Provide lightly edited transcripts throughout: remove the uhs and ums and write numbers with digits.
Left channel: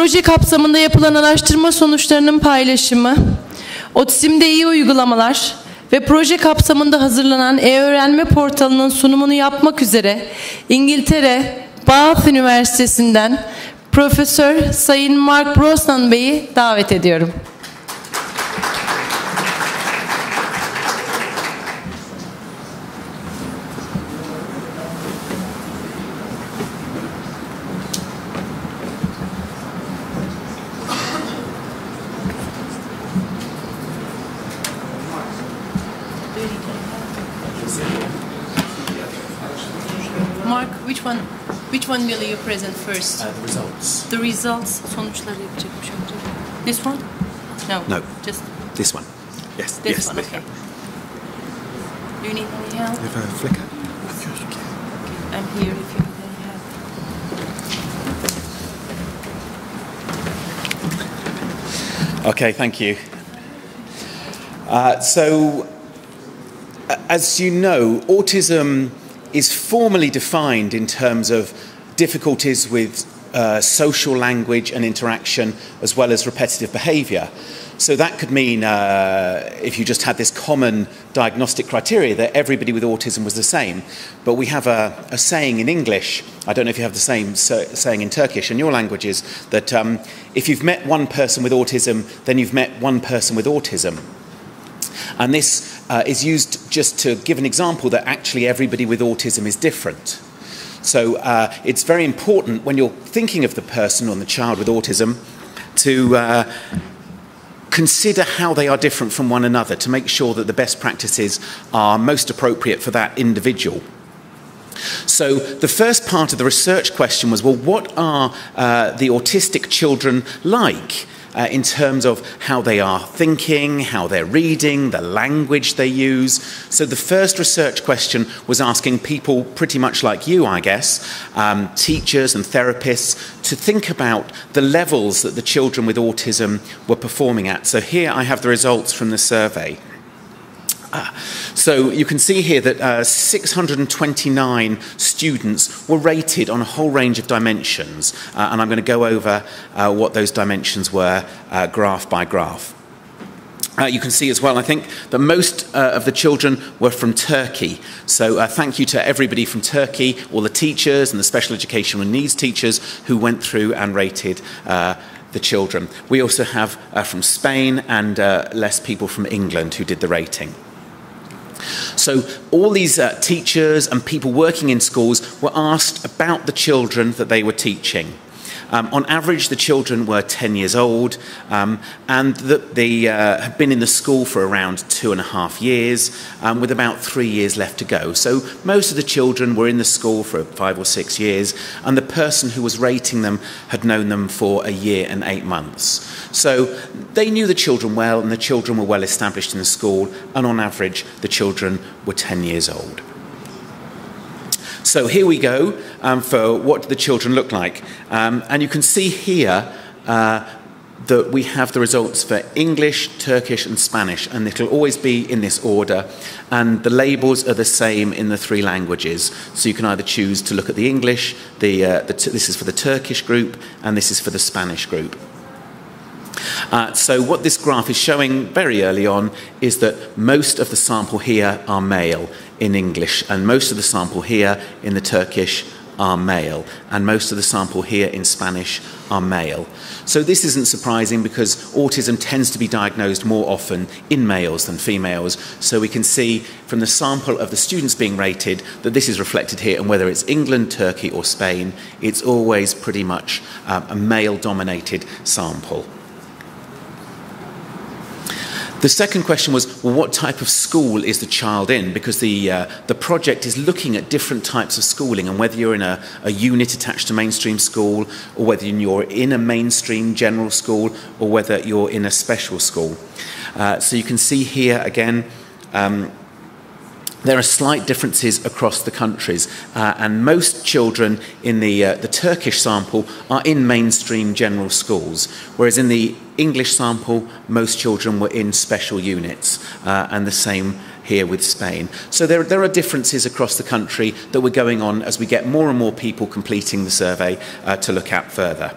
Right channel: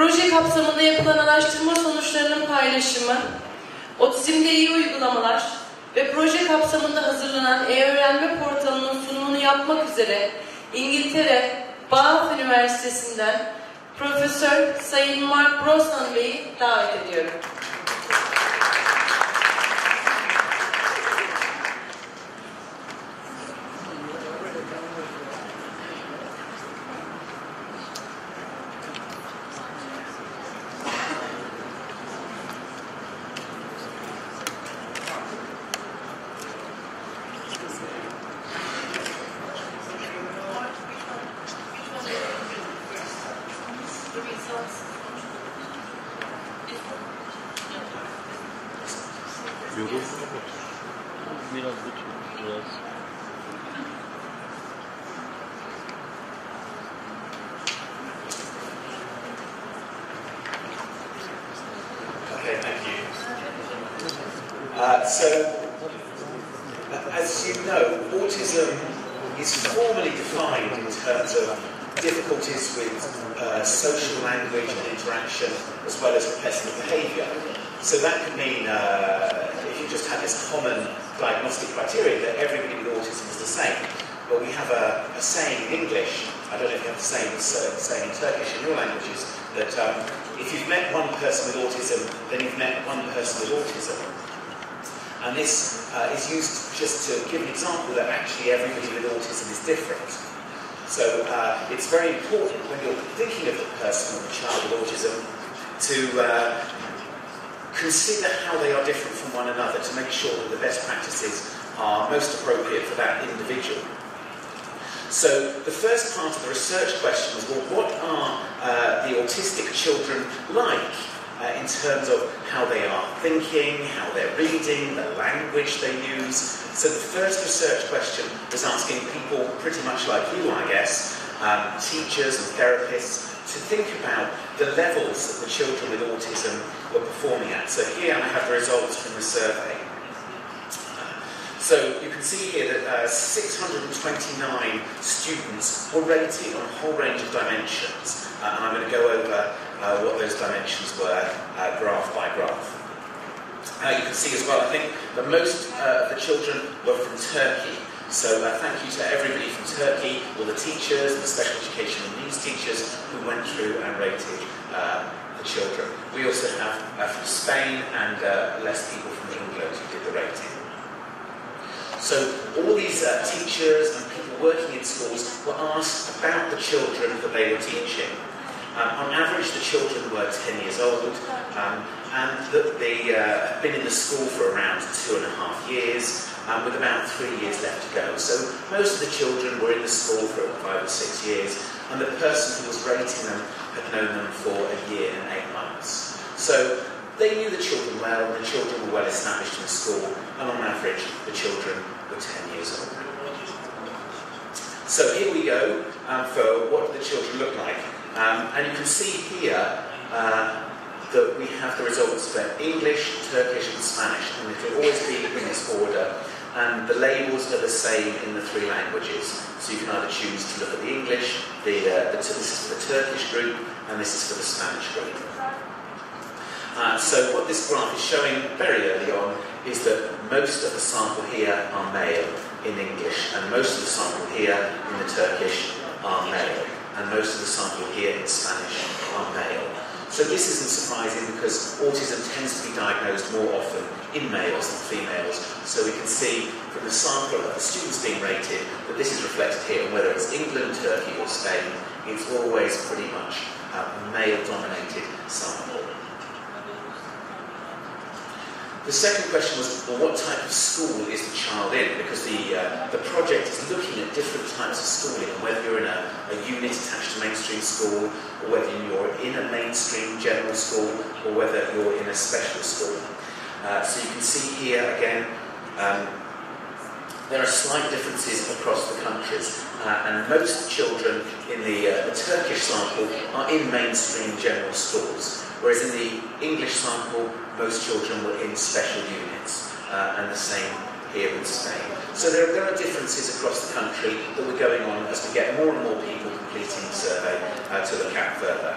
proje kapsamında yapılan araştırma sonuçlarının paylaşımı, Otizm'de iyi uygulamalar ve proje kapsamında hazırlanan e-öğrenme portalının sunumunu yapmak üzere İngiltere Bath Üniversitesinden Profesör Sayın Mark Brosnan Bey'i davet ediyorum. Mark, which one will you present first? The results. The results. Sonuçları yapacakmış önce. This one? No. No. Just This one. Yes. this Yes. one. Okay. Do you need any help? If I flicker. I'm here if you need help. Okay, thank you. As you know, autism is formally defined in terms of difficulties with social language and interaction, as well as repetitive behaviour. So that could mean, if you just had this common diagnostic criteria, that everybody with autism was the same. But we have a saying in English, I don't know if you have the same saying in Turkish, in your languages, that if you've met one person with autism, then you've met one person with autism. And this is used just to give an example that actually everybody with autism is different. So it's very important when you're thinking of the person or the child with autism to consider how they are different from one another, to make sure that the best practices are most appropriate for that individual. So the first part of the research question was, well, what are the autistic children like? In terms of how they are thinking, how they're reading, the language they use. So the first research question was asking people pretty much like you, I guess, teachers and therapists, to think about the levels that the children with autism were performing at. So here I have the results from the survey. So you can see here that 629 students were rated on a whole range of dimensions, and I'm going to go over what those dimensions were graph by graph. You can see as well, I think, that most of the children were from Turkey. So thank you to everybody from Turkey, all the teachers and the special educational needs teachers who went through and rated the children. We also have from Spain and less people from England who did the rating. So all these teachers and people working in schools were asked about the children that they were teaching. On average, the children were 10 years old, and they had been in the school for around 2.5 years, with about 3 years left to go. So most of the children were in the school for 5 or 6 years, and the person who was rating them had known them for 1 year and 8 months. So they knew the children well, and the children were well established in the school, and on average, the children were 10 years old. So here we go for what the children look like. And you can see here that we have the results for English, Turkish and Spanish, and it'll always be in this order. And the labels are the same in the 3 languages. So you can either choose to look at the English, this is for the Turkish group, and this is for the Spanish group. So what this graph is showing very early on is that most of the sample here are male in English, and most of the sample here in the Turkish are male, and most of the sample here in Spanish are male. So this isn't surprising because autism tends to be diagnosed more often in males than females. So we can see from the sample of the students being rated that this is reflected here, and whether it's England, Turkey or Spain, it's always pretty much a male-dominated sample. The second question was, well, what type of school is the child in? Because the project is looking at different types of schooling, and whether you're in a unit attached to mainstream school, or whether you're in a mainstream general school, or whether you're in a special school. So you can see here again, there are slight differences across the countries, and most children in the Turkish sample are in mainstream general schools, whereas in the English sample, most children were in special units, and the same here with Spain. So there are differences across the country that we're going on as we get more and more people completing the survey to look at further.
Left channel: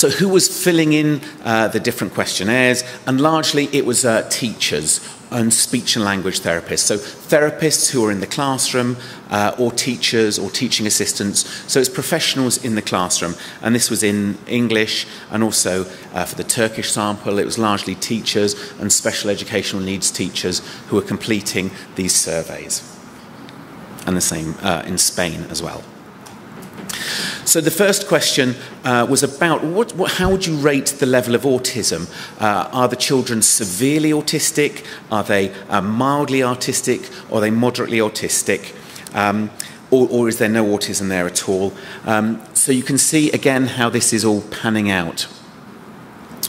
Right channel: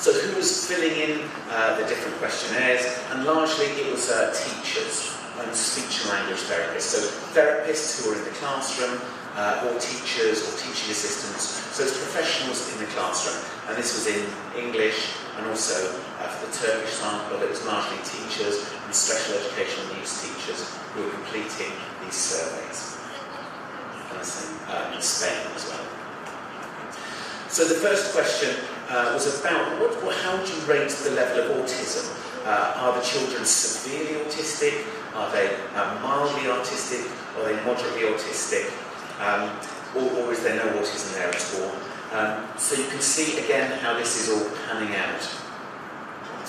So who was filling in the different questionnaires? And largely it was teachers and speech and language therapists. So therapists who are in the classroom, or teachers or teaching assistants. So it's professionals in the classroom. And this was in English, and also for the Turkish sample, it was largely teachers and special educational needs teachers who were completing these surveys. And the same in Spain as well. So the first question was about how would you rate the level of autism? Are the children severely autistic? Are they mildly autistic? Or are they moderately autistic? Or is there no autism there at all? So you can see again how this is all panning out.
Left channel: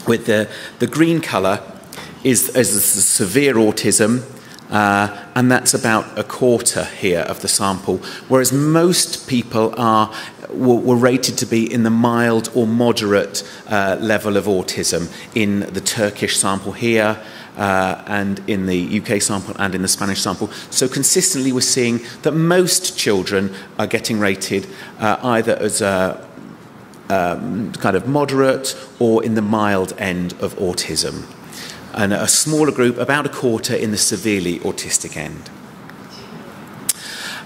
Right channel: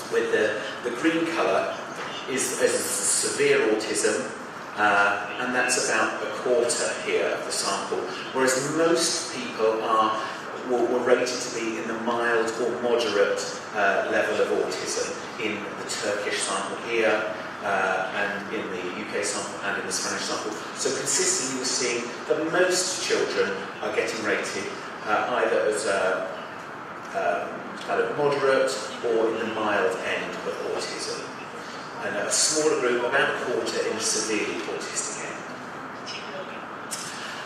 With the green colour is the severe autism, and that's about a quarter here of the sample, whereas most people were rated to be in the mild or moderate level of autism in the Turkish sample here, and in the UK sample and in the Spanish sample. So consistently we're seeing that most children are getting rated either as kind of moderate or in the mild end of autism. And a smaller group, about a quarter, in the severely autistic end.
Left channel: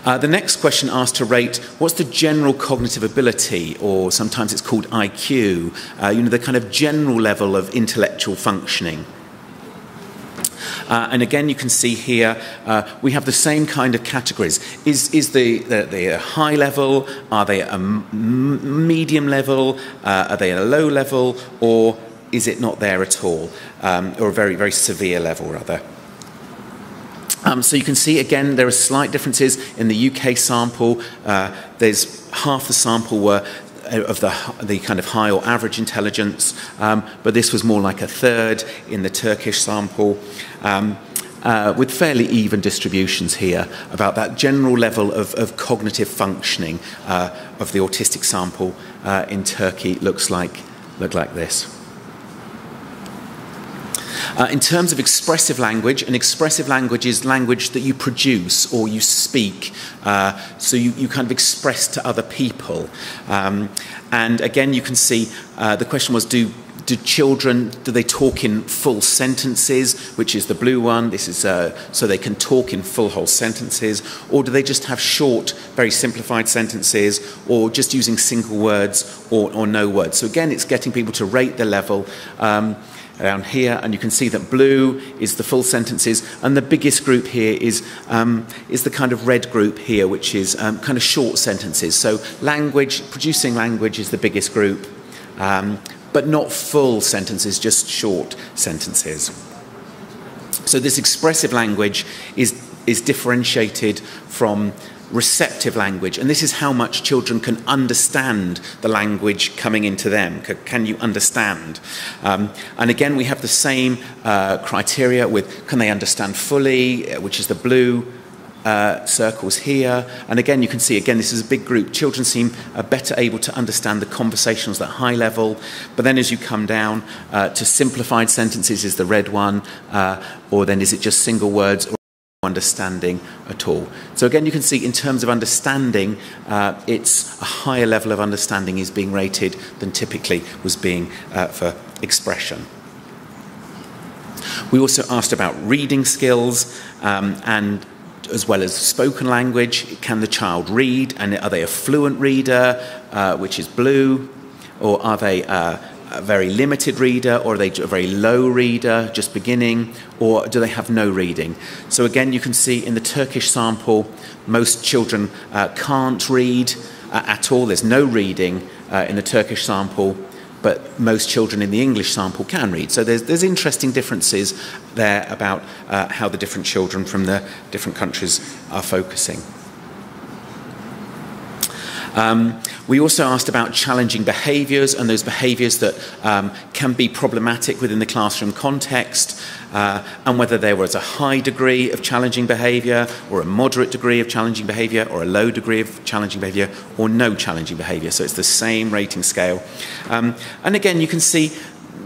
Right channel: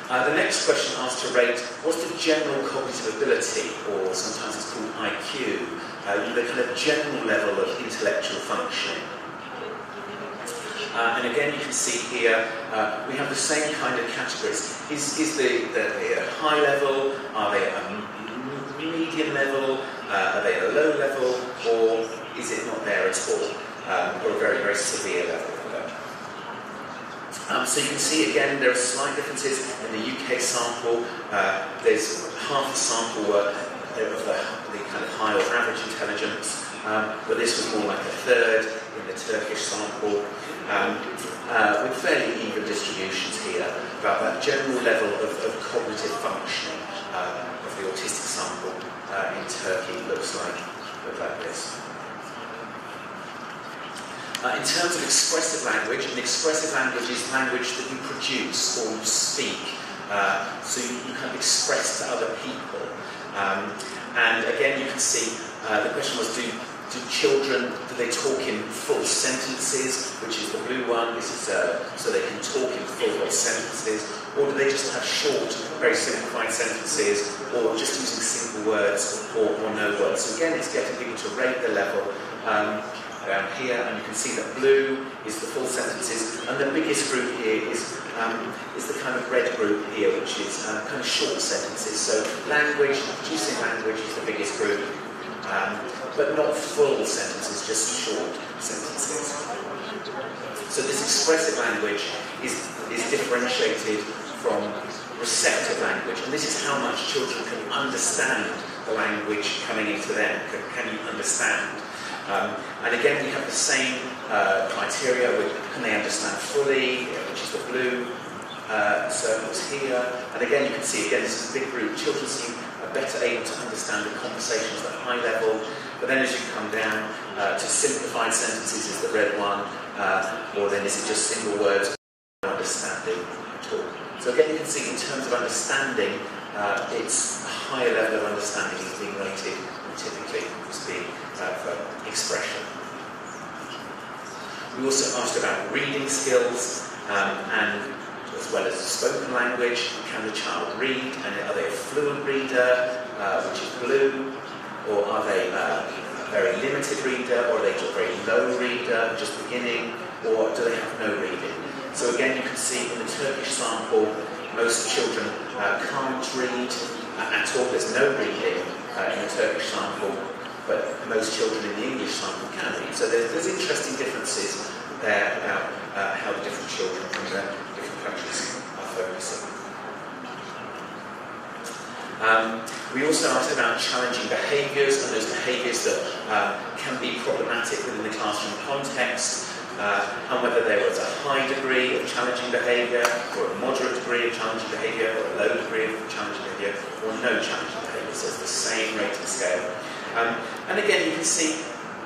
The next question asked to rate what's the general cognitive ability, or sometimes it's called IQ, the kind of general level of intellectual functioning. And again, you can see here we have the same kind of categories. Is they a high level? Are they a medium level? Are they a low level? Or is it not there at all? Or a very, very severe level, rather. So you can see again there are slight differences in the UK sample. There's half the sample were of the kind of high or average intelligence, but this was more like a third in the Turkish sample, with fairly even distributions here about that general level of cognitive functioning of the autistic sample in Turkey looked like this. In terms of expressive language, an expressive language is language that you produce or you speak, so you kind of express to other people. And again, you can see the question was, do children, do they talk in full sentences, which is the blue one? This is so they can talk in full whole sentences, or do they just have short, very simplified sentences, or just using single words or no words? So again, it's getting people to rate the level down here, and you can see that blue is the full sentences, and the biggest group here is the kind of red group here, which is kind of short sentences. So producing language is the biggest group, but not full sentences, just short sentences. So this expressive language is differentiated from receptive language, and this is how much children can understand the language coming into them. Can you understand? And again, we have the same criteria with can they understand fully, which is the blue circles here. And again, you can see, again, this is a big group. Children seem better able to understand the conversations at high level, but then as you come down to simplified sentences is the red one, or then is it just single words, or understanding at all. So again, you can see in terms of understanding, it's a higher level of understanding is being rated than typically was being for expression. We also asked about reading skills, and as well as spoken language. Can the child read, and are they a fluent reader, which is blue, or are they a very limited reader, or are they a very low reader, just beginning, or do they have no reading? So again, you can see in the Turkish sample, most children can't read at all. There's no reading in the Turkish sample, but most children in the English sample can read. So there's interesting differences there about how the different children from the different countries are focusing. We also asked about challenging behaviours, and those behaviours that can be problematic within the classroom context, and whether there was a high degree of challenging behaviour, or a moderate degree of challenging behaviour, or a low degree of challenging behaviour, or no challenging behaviour. So it's the same rating scale. And again, you can see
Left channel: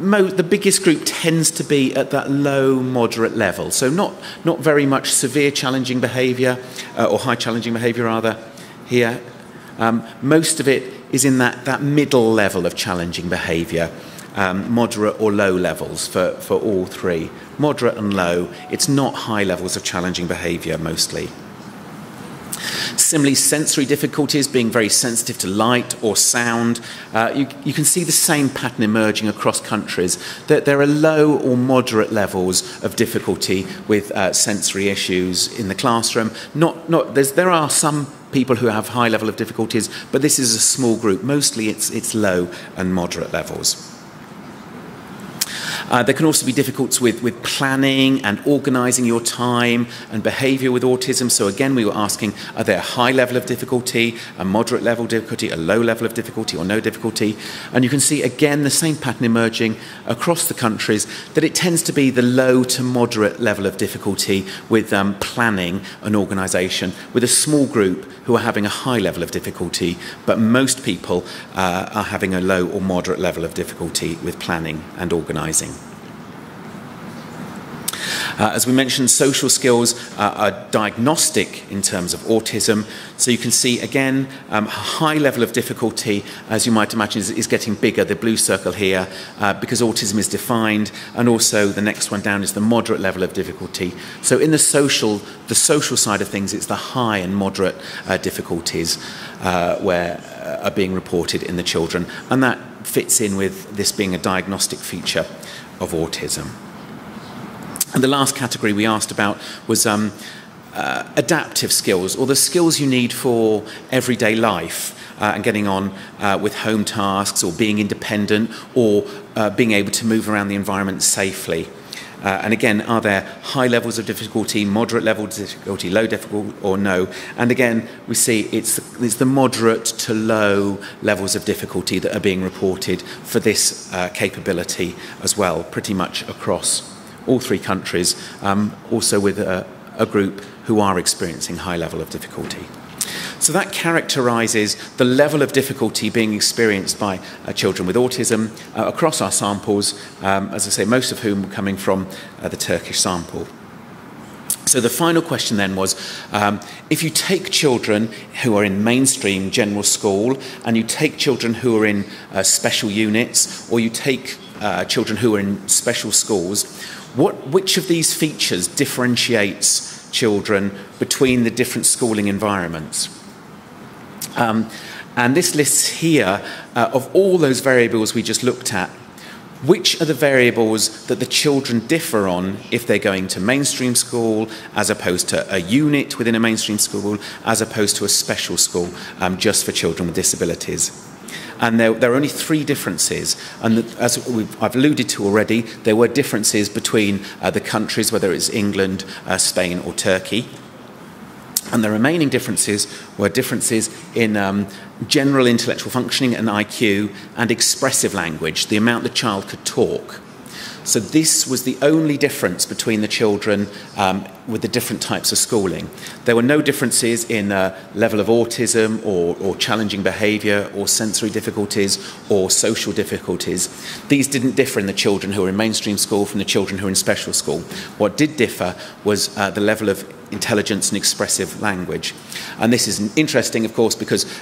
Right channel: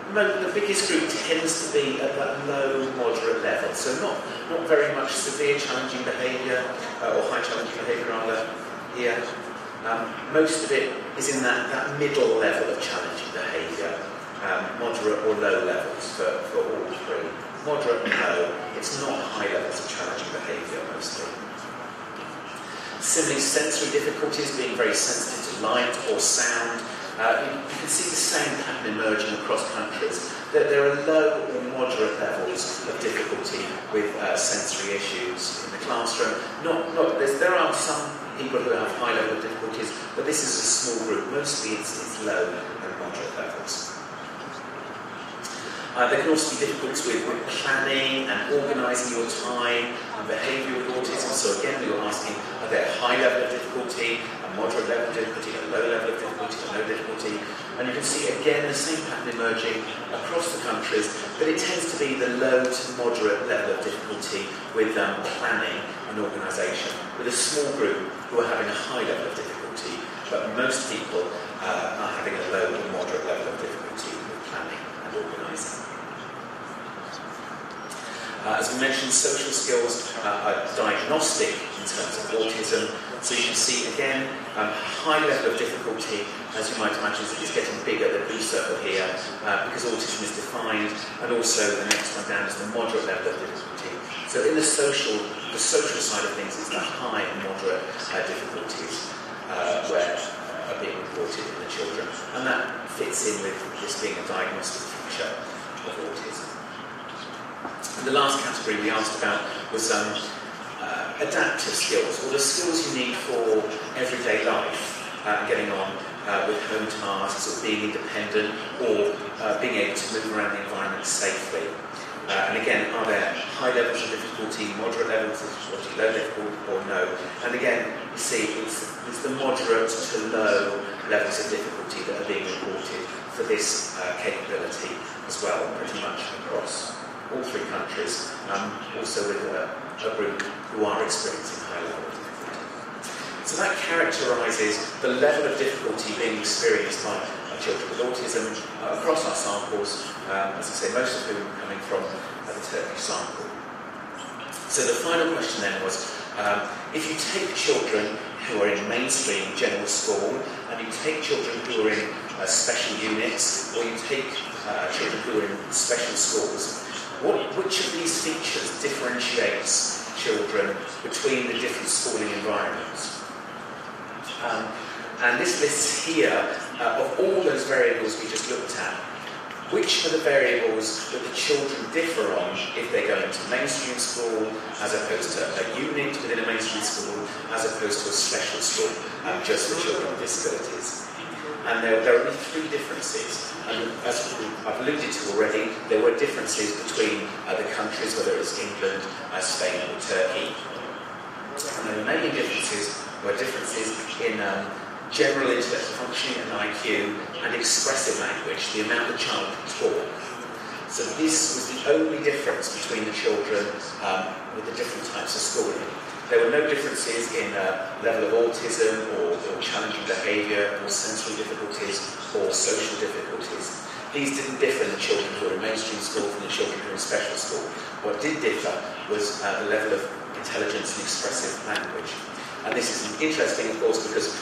the biggest group tends to be at that low, moderate level. So not very much severe challenging behaviour, or high challenging behaviour rather, here. Most of it is in that middle level of challenging behaviour, moderate or low levels for all three. Moderate and low, it's not high levels of challenging behaviour mostly. Similarly, sensory difficulties, being very sensitive to light or sound. You can see the same pattern emerging across countries, that there are low or moderate levels of difficulty with sensory issues in the classroom. There are some people who have high level of difficulties, but this is a small group. Mostly it's low and moderate levels. There can also be difficulties with planning and organising your time and behaviour with autism. So again, we were asking, are there a high level of difficulty, a moderate level of difficulty, a low level of difficulty or no difficulty? And you can see again the same pattern emerging across the countries, that it tends to be the low to moderate level of difficulty with planning and organisation, with a small group who are having a high level of difficulty, but most people are having a low or moderate level of difficulty with planning and organising. As we mentioned, social skills are diagnostic in terms of autism. So you can see, again, a high level of difficulty, as you might imagine, is getting bigger, the blue circle here, because autism is defined, and also the next one down is the moderate level of difficulty. So in the social side of things, it's the high and moderate difficulties where are being reported in the children, and that fits in with this being a diagnostic feature of autism. And the last category we asked about was adaptive skills, or the skills you need for everyday life and getting on with home tasks, or being independent, or being able to move around the environment safely. And again, are there high levels of difficulty, moderate levels of difficulty, low difficulty, or no? And again, we see it's the moderate to low levels of difficulty that are being reported for this capability as well, pretty much across all three countries, also with a group who are experiencing high level of difficulty. So that characterises the level of difficulty being experienced by children with autism across our samples, as I say, most of whom coming from the Turkish sample. So the final question then was, if you take children who are in mainstream general school, and you take children who are in special units, or you take children who are in special schools, which of these features differentiates children between the different schooling environments? And this lists here, of all those variables we just looked at, which are the variables that the children differ on if they're going to mainstream school, as opposed to a unit within a mainstream school, as opposed to a special school just for children with disabilities. And there are only three differences, and as I've alluded to already, there were differences between the countries, whether it's England, Spain or Turkey. And the remaining differences were differences in general intellectual functioning and IQ, and expressive language, the amount the child could talk. So this was the only difference between the children with the different types of schooling. There were no differences in level of autism or challenging behaviour or sensory difficulties or social difficulties. These didn't differ in the children who were in mainstream school from the children who were in special school. What did differ was the level of intelligence and expressive language. And this is interesting, of course, because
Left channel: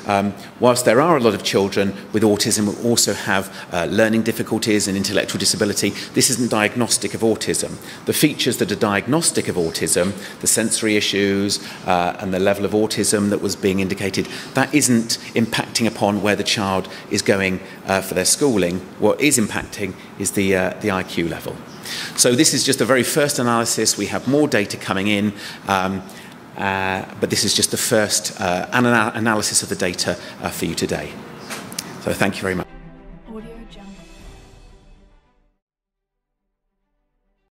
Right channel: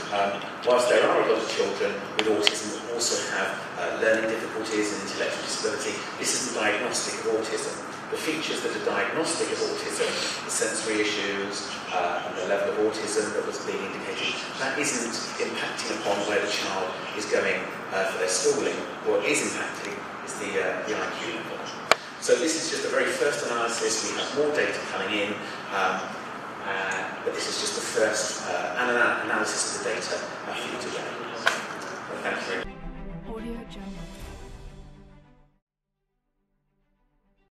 whilst there are a lot of children with autism who also have learning difficulties and intellectual disability, this isn't diagnostic of autism. The features that are diagnostic of autism, the sensory issues and the level of autism that was being indicated, that isn't impacting upon where the child is going for their schooling. What is impacting is the IQ level. So this is just the very first analysis. We have more data coming in. But this is just the first analysis of the data for you today. So thank you very much.